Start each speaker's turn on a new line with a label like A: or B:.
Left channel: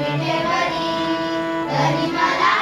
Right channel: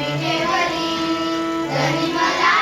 A: पुंडलिकासाठी महाराणीला विठेवरी तरी मला